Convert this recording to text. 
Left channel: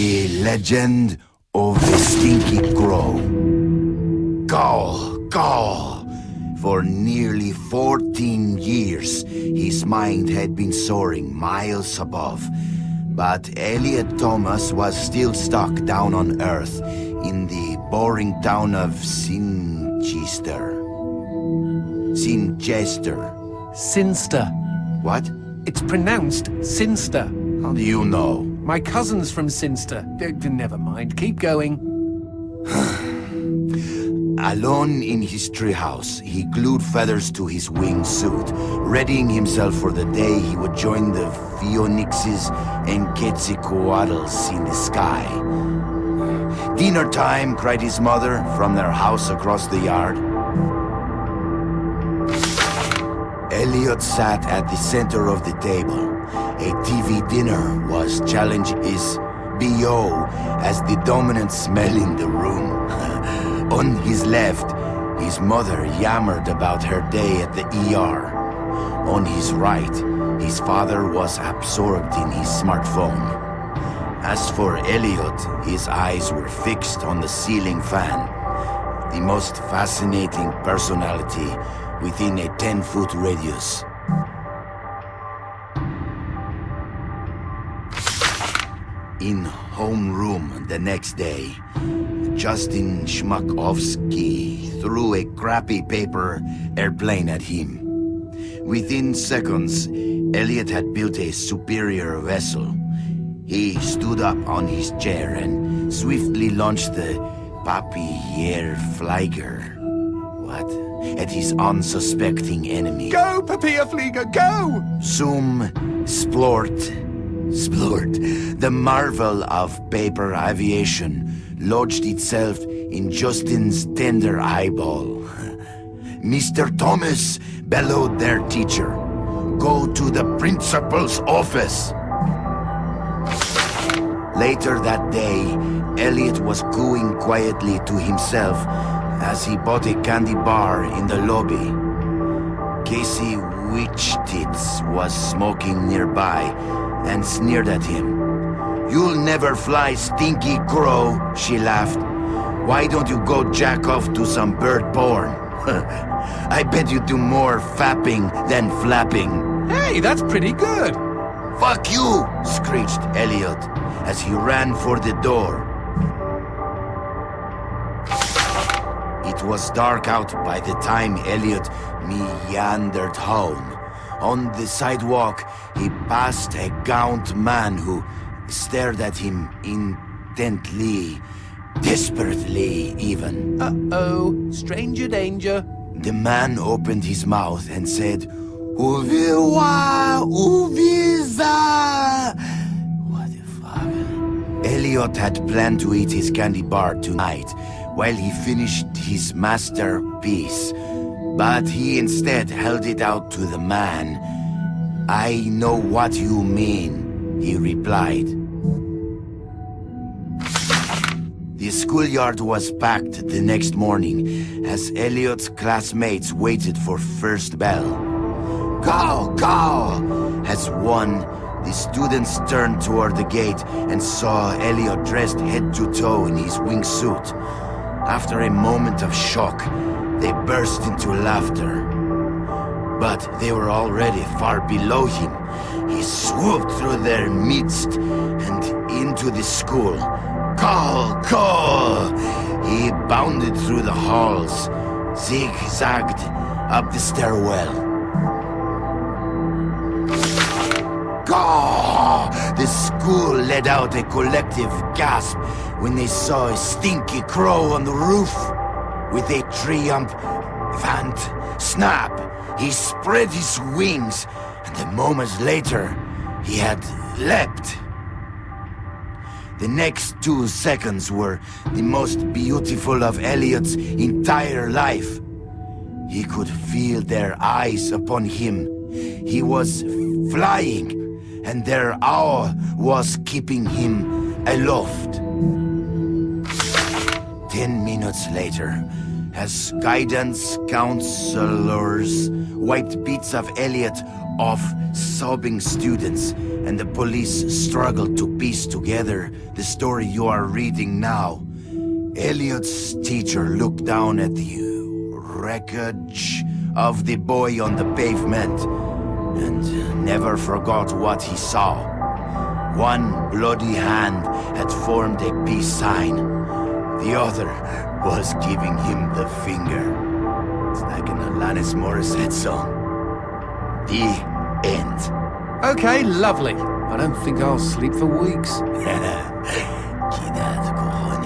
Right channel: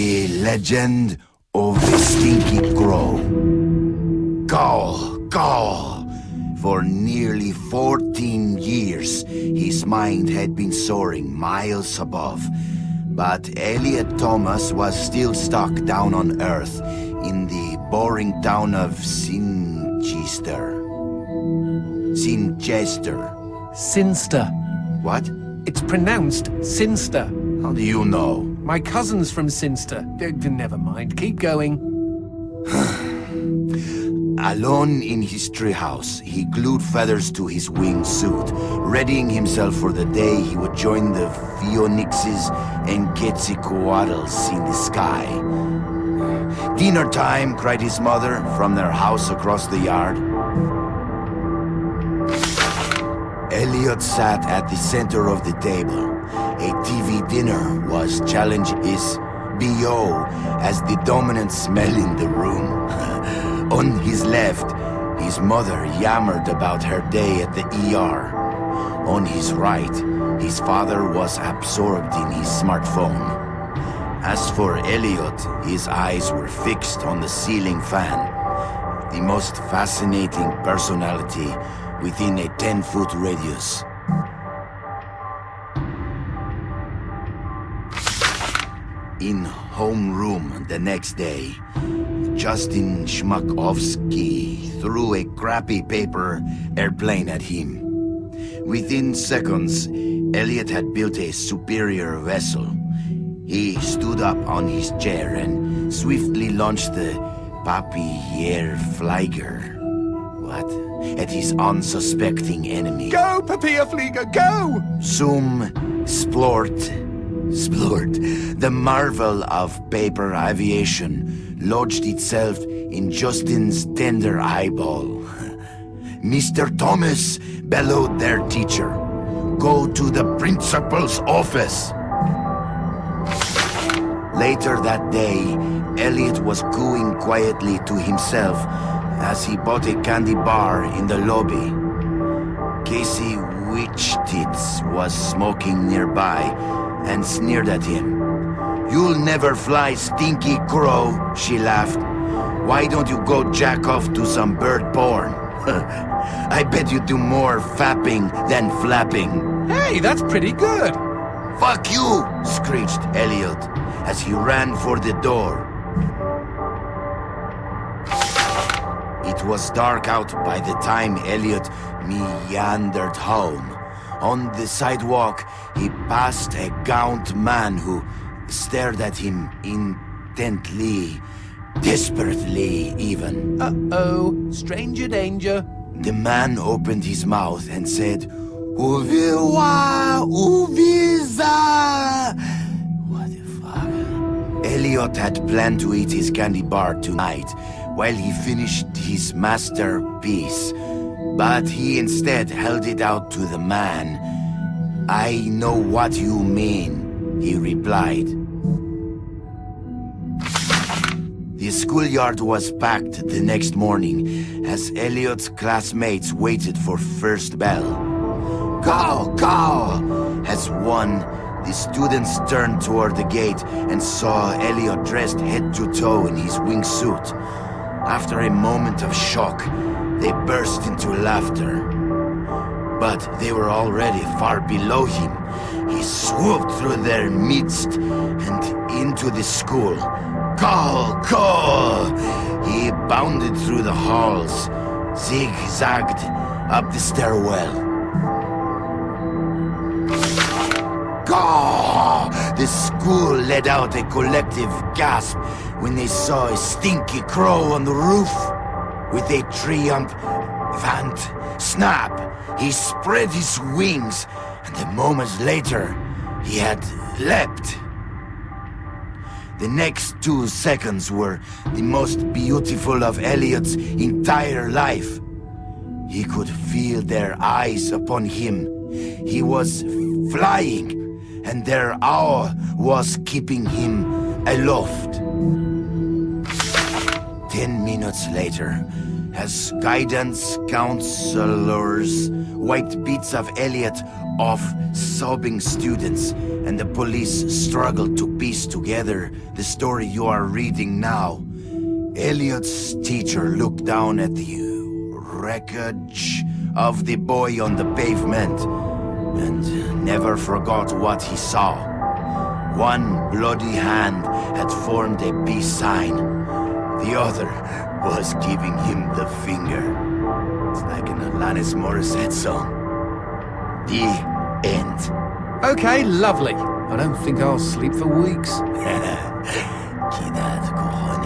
The legend of the Stinky Crow. Call. For nearly 14 years, his mind had been soaring miles above. But Elliot Thomas was still stuck down on Earth in the boring town of Sinchester. Sinster. What? It's pronounced Sinster. How do you know? My cousin's from Sinster. Never mind, keep going. Alone in his treehouse, he glued feathers to his wingsuit, readying himself for the day he would join the Phoenixes and Quetzalcoatlus in the sky. "Dinner time," cried his mother from their house across the yard. Elliot sat at the center of the table. A TV dinner was challenging his BO as the dominant smell in the room. On his left, his mother yammered about her day at the ER. On his right, his father was absorbed in his smartphone. As for Elliot, his eyes were fixed on the ceiling fan, the most fascinating personality within a 10-foot radius. In homeroom the next day, Justin Schmakovsky threw a crappy paper airplane at him. Within seconds, Elliot had built a superior vessel. He stood up on his chair and swiftly launched the Papierflieger. What? At his unsuspecting enemy. Go, Papierflieger, go! Zoom, splort. The marvel of paper aviation lodged itself in Justin's tender eyeball. "Mr. Thomas," bellowed their teacher, "go to the principal's office." Later that day, Elliot was cooing quietly to himself as he bought a candy bar in the lobby. Casey Witchtits was smoking nearby and sneered at him. "You'll never fly, Stinky Crow," she laughed. "Why don't you go jack off to some bird porn? I bet you do more fapping than flapping." Hey, that's pretty good. "Fuck you!" screeched Elliot as he ran for the door. It was dark out by the time Elliot meandered home. On the sidewalk, he passed a gaunt man who stared at him intently, desperately even. Uh-oh, stranger danger. The man opened his mouth and said, "Uviwa, Uviza." What the fuck? Elliot had planned to eat his candy bar tonight while he finished his masterpiece, but he instead held it out to the man. "I know what you mean," he replied. The schoolyard was packed the next morning as Elliot's classmates waited for first bell. Go! As one, the students turned toward the gate and saw Elliot dressed head to toe in his wingsuit. After a moment of shock, they burst into laughter. But they were already far below him. He swooped through their midst and into the school. Go! He bounded through the halls, zigzagged up the stairwell. Go! The school let out a collective gasp when they saw a Stinky Crow on the roof. With a triumphant snap, he spread his wings, and a moment later, he had leapt. The next 2 seconds were the most beautiful of Elliot's entire life. He could feel their eyes upon him. He was flying, and their awe was keeping him aloft. 10 minutes later, as guidance counselors wiped bits of Elliot off sobbing students, and the police struggled to piece together the story you are reading now. Elliot's teacher looked down at the wreckage of the boy on the pavement and never forgot what he saw. One bloody hand had formed a peace sign. The other was giving him the finger. It's like an Alanis Morissette song. The end. Okay, lovely. I don't think I'll sleep for weeks. Kidad cojones.